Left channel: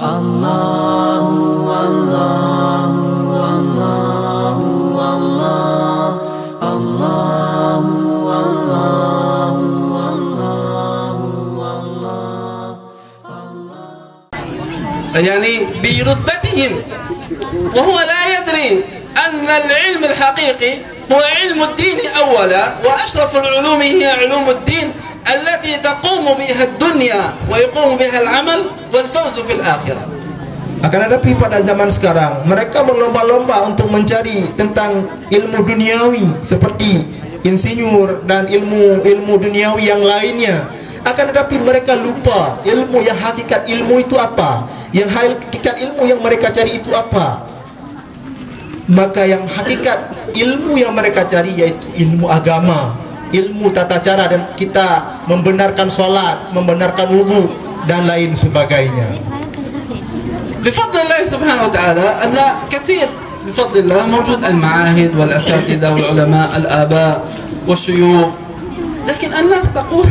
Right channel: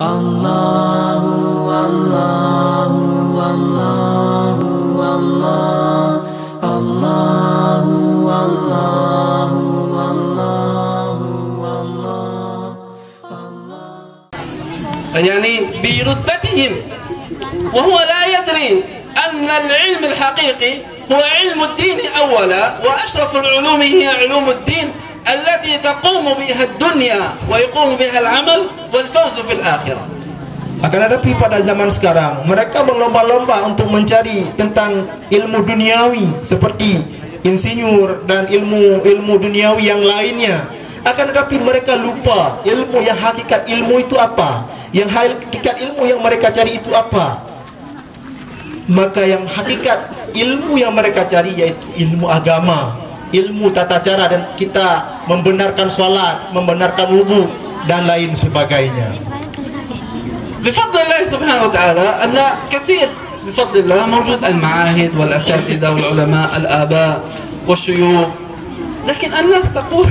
Allahu Allahu Allahu Allah Allahu Allahu Allahu Allah يعني برتبتهم وهو لا يدري أن العلم الحقيقي هو علم الدين أولا وأشرف العلوم هي علوم الدين التي تقوم بها الدنيا ويقوم بها العمل والفوز في الآخرة. Akan tetapi pada zaman sekarang mereka berlomba-lomba untuk mencari tentang ilmu duniawi seperti insinyur dan ilmu duniawi yang lainnya. Akan tetapi mereka lupa ilmu yang hakikat ilmu itu apa, yang hakikat ilmu yang mereka cari itu apa. Maka yang hakikat ilmu yang mereka cari yaitu ilmu agama, ilmu tata cara dan kita membenarkan solat, membenarkan wudu dan lain sebagainya. بفضل الله سبحانه وتعالى أن كثير بفضل الله موجود المعاهد والأساتذة والعلماء الآباء والشيوخ لكن الناس تقول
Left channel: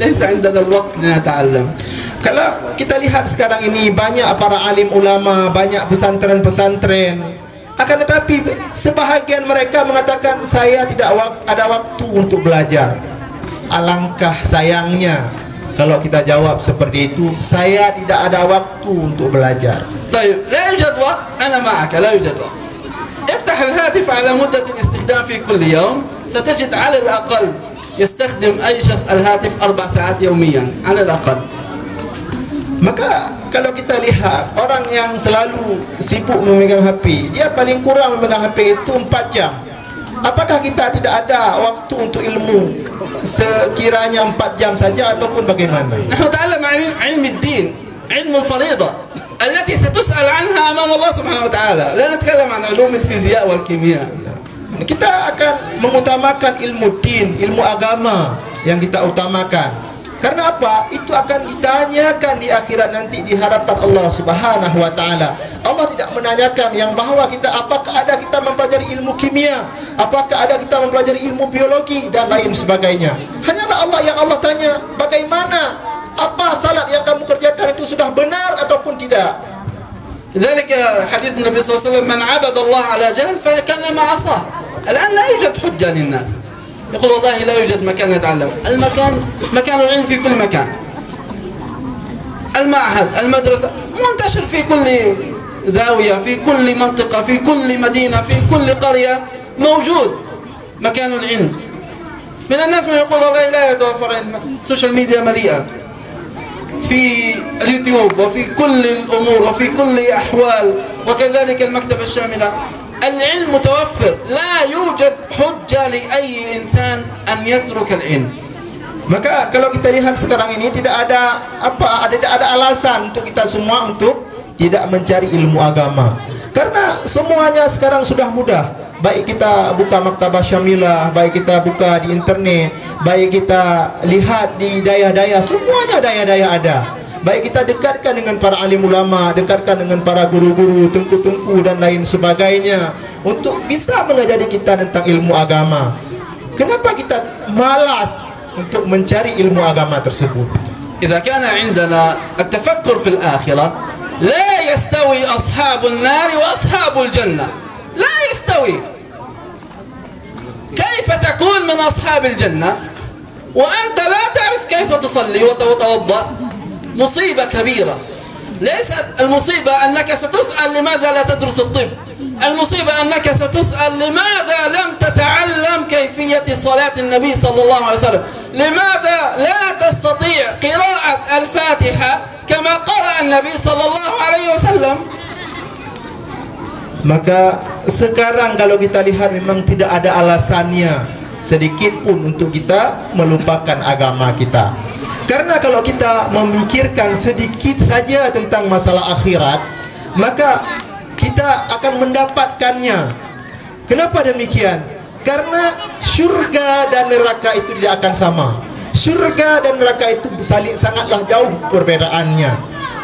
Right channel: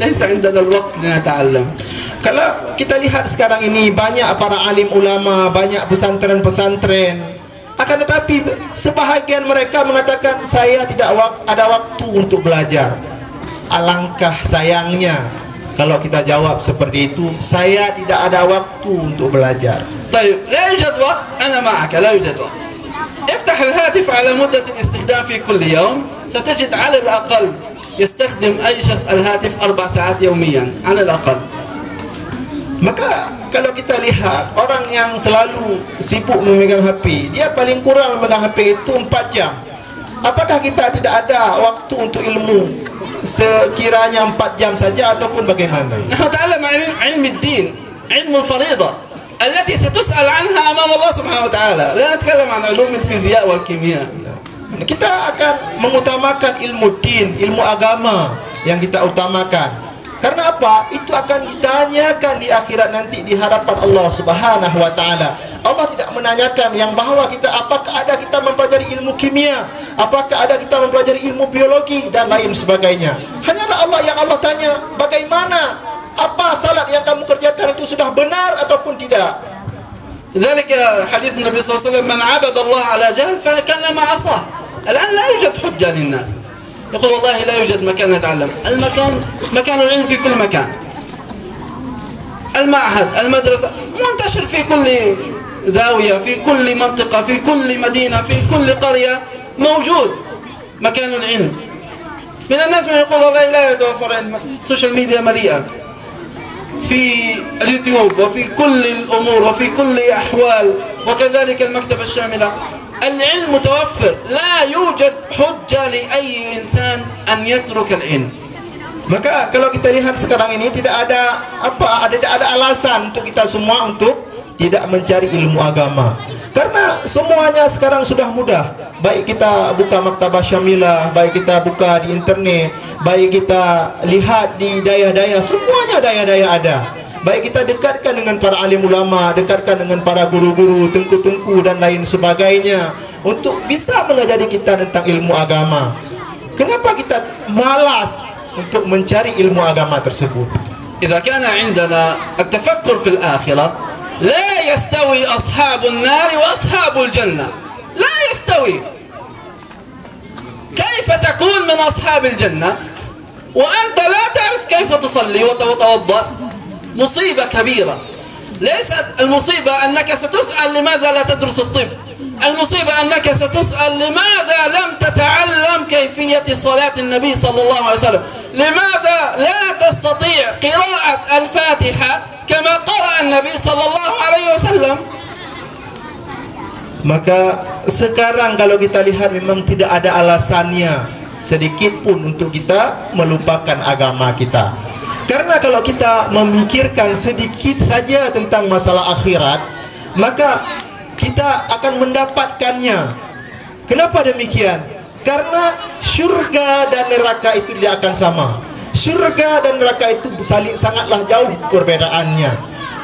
ليس عندنا الوقت لنتعلم. Kalau kita lihat sekarang ini banyak para alim ulama, banyak pesantren-pesantren. Akan tetapi sebahagian mereka mengatakan saya tidak ada waktu untuk belajar. Alangkah sayangnya kalau kita jawab seperti itu, saya tidak ada waktu untuk belajar. طيب لا يوجد وقت أنا معك لا يوجد وقت. افتح الهاتف على مدة الاستخدام في كل يوم ستجد على الأقل يستخدم أي شخص الهاتف 4 ساعات يوميا على الأقل. Maka kalau kita lihat orang yang selalu sibuk memegang HP, dia paling kurang memegang HP itu 4 jam. Apakah kita tidak ada waktu untuk ilmu sekiranya 4 jam saja ataupun bagaimana? نحن نتعلم عن علم الدين علم الفريضة التي ستسأل عنها أمام الله سبحانه وتعالى. لا نتكلم عن علوم الفيزياء والكيمياء. Kita akan mengutamakan ilmu din, ilmu agama yang kita utamakan. Karena apa? Itu akan ditanyakan di akhirat nanti di hadapan Allah Subhanahu wa taala. Allah tidak menanyakan yang bahwa apakah ada kita mempelajari ilmu kimia, apakah ada kita mempelajari ilmu biologi dan lain sebagainya. Hanyalah Allah tanya, bagaimana, apa salat yang kamu kerjakan itu sudah benar ataupun tidak. ذلك حديث النبي صلى الله عليه وسلم من عبد الله على جهل فكانما عصاه. الآن لا يوجد حجة للناس. يقول والله لا يوجد مكان نتعلم. مكان العلم في كل مكان. المعهد، المدرسة منتشر في كل زاوية، في كل منطقة، في كل مدينة، في كل قرية موجود مكان العلم. من الناس من يقول والله لا يتوفر علم. السوشيال ميديا مليئة في اليوتيوب وفي كل الأمور وفي كل أحوال وكذلك المكتبة الشاملة. العلم متوفر. لا يوجد حجة لأي إنسان أن يترك العلم. Maka kalau kita lihat sekarang ini tidak ada alasan untuk kita semua untuk tidak mencari ilmu agama. Karena semuanya sekarang sudah mudah. Baik kita buka maktabah syamilah, baik kita buka di internet, baik kita lihat di daya-daya, semuanya daya-daya ada. Baik kita dekatkan dengan para alim ulama, dekatkan dengan para guru-guru, tengku-tengku dan lain sebagainya untuk bisa mengajari kita tentang ilmu agama. Kenapa kita malas untuk mencari ilmu agama tersebut? إذا كان عندنا التفكر في الآخرة لا يستوي أصحاب النار وأصحاب الجنة. لا يستوي. كيف تكون من أصحاب الجنة وأنت لا تعرف كيف تصلي وتتوضأ؟ مصيبة كبيرة. ليست المصيبة أنك ستسأل لماذا لا تدرس الطب. المصيبة أنك ستسأل لماذا لم تتعلم كيفية صلاة النبي صلى الله عليه وسلم. لماذا لا تستطيع قراءة الفاتحة كما قرأ النبي صلى الله عليه وسلم. Maka sekarang kalau kita lihat memang tidak ada alasannya sedikit pun untuk kita melupakan agama kita. Karena kalau kita memikirkan sedikit saja tentang masalah akhirat, maka kita akan mendapatkannya. Kenapa demikian? Karena syurga dan neraka itu tidak akan sama. Syurga dan neraka itu sangatlah jauh perbedaannya.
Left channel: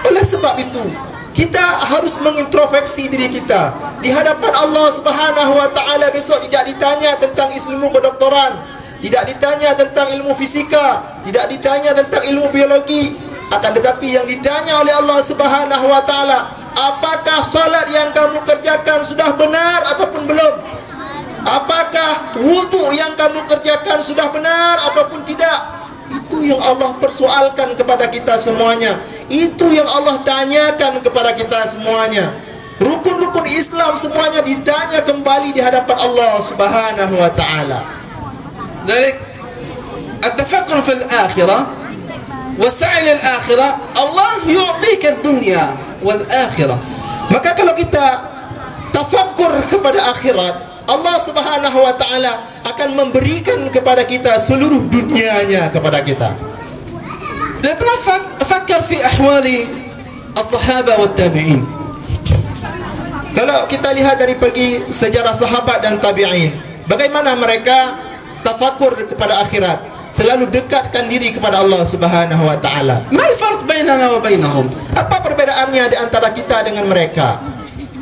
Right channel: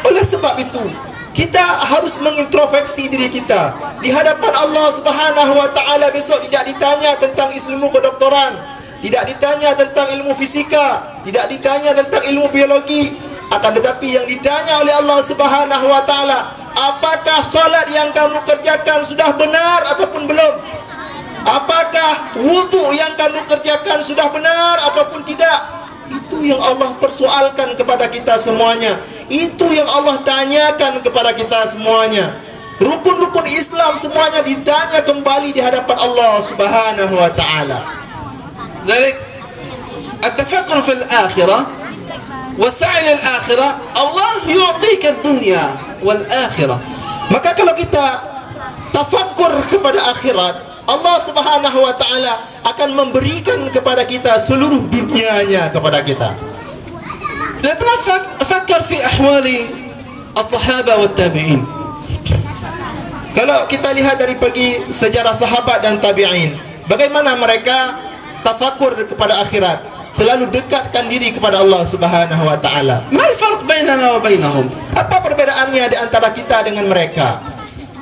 Oleh sebab itu, kita harus mengintrospeksi diri kita di hadapan Allah Subhanahu wa taala. Besok tidak ditanya tentang ilmu kedokteran, tidak ditanya tentang ilmu fisika, tidak ditanya tentang ilmu biologi. Akan tetapi yang ditanya oleh Allah Subhanahu wa taala, apakah solat yang kamu kerjakan sudah benar ataupun belum? Apakah wudu yang kamu kerjakan sudah benar ataupun tidak? Itu yang Allah persoalkan kepada kita semuanya. Itu yang Allah tanyakan kepada kita semuanya. Rukun-rukun Islam semuanya ditanya kembali di hadapan Allah Subhanahu wa taala. ذلك التفكر في الآخرة والسعي للآخرة الله يعطيك الدنيا والآخرة. Maka kalau kita tafakkur kepada akhirat, Allah Subhanahu wa taala akan memberikan kepada kita seluruh dunianya kepada kita. فكر في أحوال الصحابة والتابعين. Kalau kita lihat dari pergi sejarah sahabat dan tabi'in, bagaimana mereka tafakkur kepada akhirat, selalu dekatkan diri kepada Allah Subhanahu wa taala. ما الفرق بيننا وبينهم؟ Apa perbedaannya di antara kita dengan mereka?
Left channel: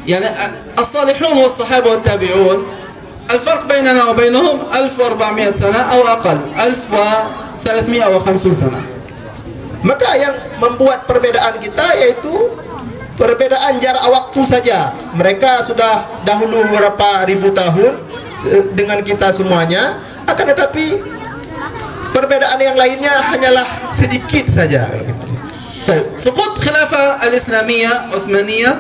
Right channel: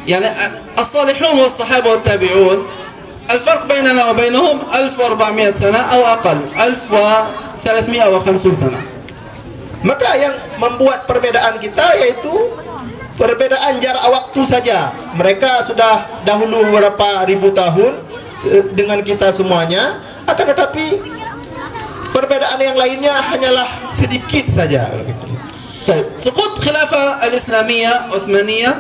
يعني الصالحون والصحابة والتابعون الفرق بيننا وبينهم 1400 سنة أو أقل 1350 سنة. Maka yang membuat perbedaan kita yaitu perbedaan jarak waktu saja. Mereka sudah dahulu beberapa ribu tahun dengan kita semuanya, akan tetapi perbedaan yang lainnya hanyalah sedikit saja. سقوط خلافة الإسلامية عثمانية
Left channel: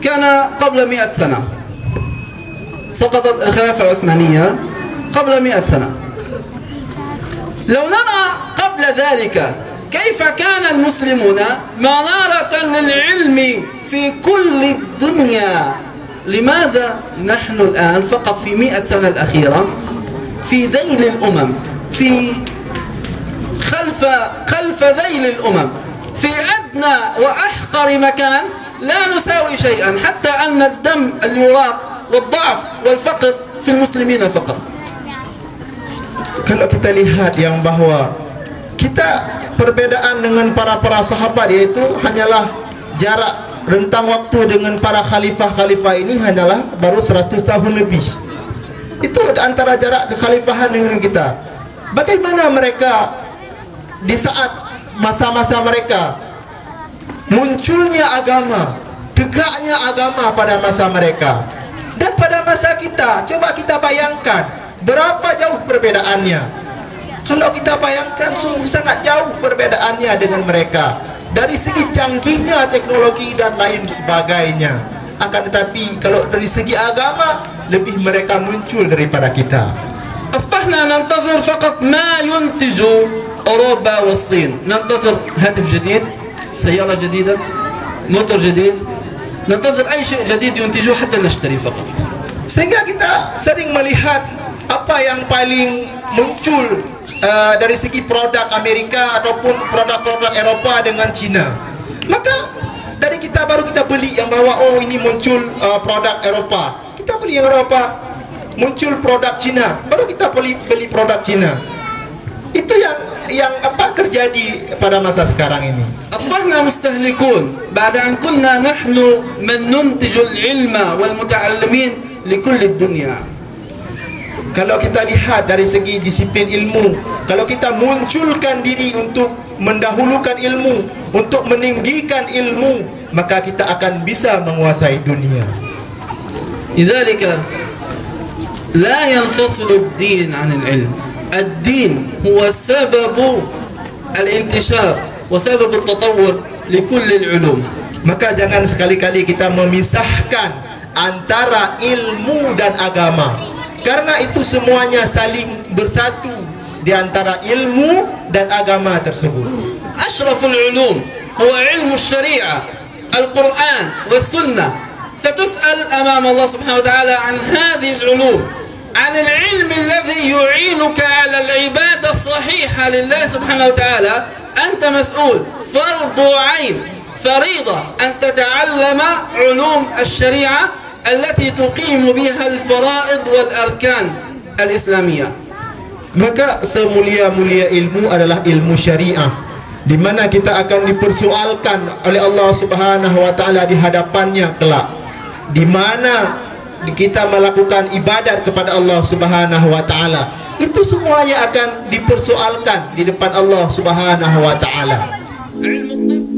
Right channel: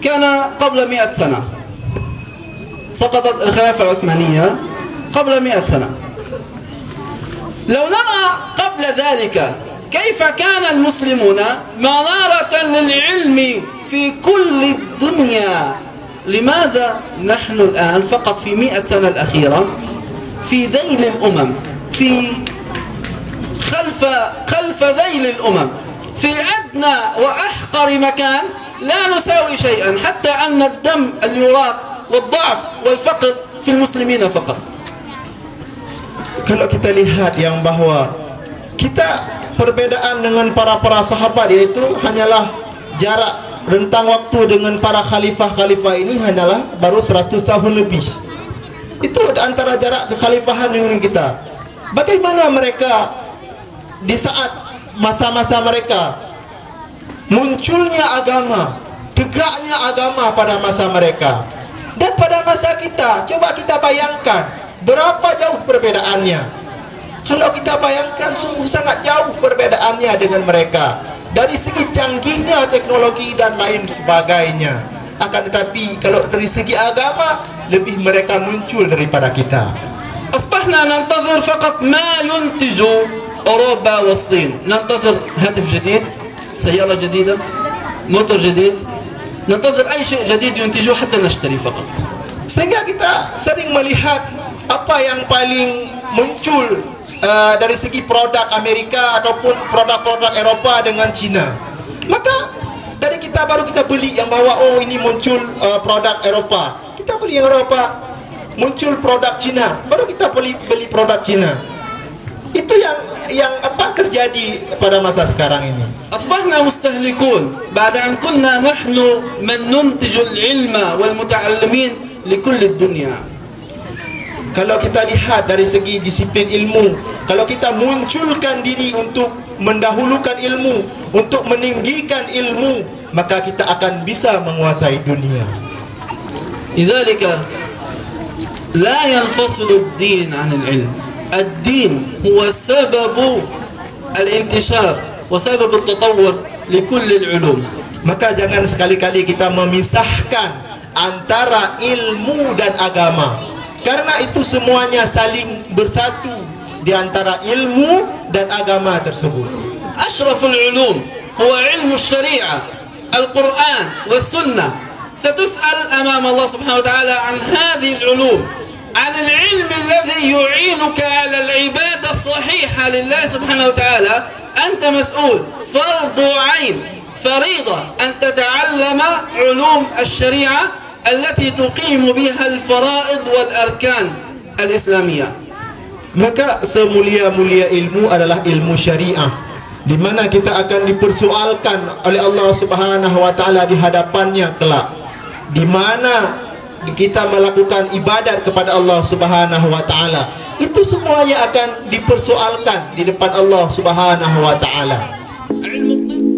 كان قبل 100 سنة. سقطت الخلافة العثمانية قبل 100 سنة. لو نرى قبل ذلك كيف كان المسلمون منارة للعلم في كل الدنيا، لماذا نحن الآن فقط في 100 سنة الأخيرة في ذيل الأمم، في خلف ذيل الأمم، في أدنى وأحقر مكان لا نساوي شيئا، حتى أن الدم اليراق والضعف والفقر في المسلمين فقط. Kalau kita lihat yang bahwa kita perbedaan dengan para sahabat yaitu hanyalah jarak rentang waktu dengan para khalifah ini hanyalah baru 100 tahun lebih. Itu antara jarak kekhalifahan dengan kita. Bagaimana mereka di saat masa-masa mereka munculnya agama, tegaknya agama pada masa mereka dan pada masa kita, coba kita bayangkan berapa jauh perbedaannya. Kalau kita bayangkan sungguh sangat jauh perbedaannya dengan mereka dari segi canggihnya teknologi dan lain sebagainya. Akan tetapi kalau dari segi agama lebih mereka muncul daripada kita. أصبحنا ننتظر فقط ما ينتج أوروبا والصين. ننتظر هاتف جديد، سيارة جديدة، موتور جديد، ننتظر أي شيء جديد ينتجوه حتى نشتري فقط. Sehingga kita sering melihat apa yang paling muncul dari segi produk Amerika ataupun produk-produk Eropa dengan Cina. Maka dari kita baru kita beli yang bahwa oh ini muncul produk Eropa, kita beli yang Eropa. Muncul produk Cina, baru kita beli produk Cina. Itu yang apa terjadi pada masa sekarang ini. أصبحنا مستهلكون بعد أن كنا نحن من ننتج العلم والمتعلمين لكل الدنيا. Kalau kita lihat dari segi disiplin ilmu, kalau kita munculkan diri untuk mendahulukan ilmu, untuk meninggikan ilmu, maka kita akan bisa menguasai dunia. لذلك لا ينفصل الدين عن العلم. الدين هو سبب الانتشار وسبب التطور لكل العلوم. Maka jangan sekali-kali kita memisahkan antara ilmu dan agama, karena itu semuanya saling bersatu di antara ilmu dan agama tersebut. أشرف العلوم هو علم الشريعة القرآن والسنة. ستسأل أمام الله سبحانه وتعالى عن هذه العلوم، عن العلم الذي يعينك على العبادة الصحيحة لله سبحانه وتعالى. أنت مسؤول، فرض عين، فريضة أن تتعلم علوم الشريعة التي تقيم بها الفرائض والأركان الإسلامية. Maka semulia-mulia ilmu adalah ilmu syariah, di mana kita akan dipersoalkan oleh Allah Subhanahu wa taala di hadapannya kelak, di mana kita melakukan ibadat kepada Allah Subhanahu wa taala. Itu semuanya akan dipersoalkan di depan Allah Subhanahu wa taala. علم الطب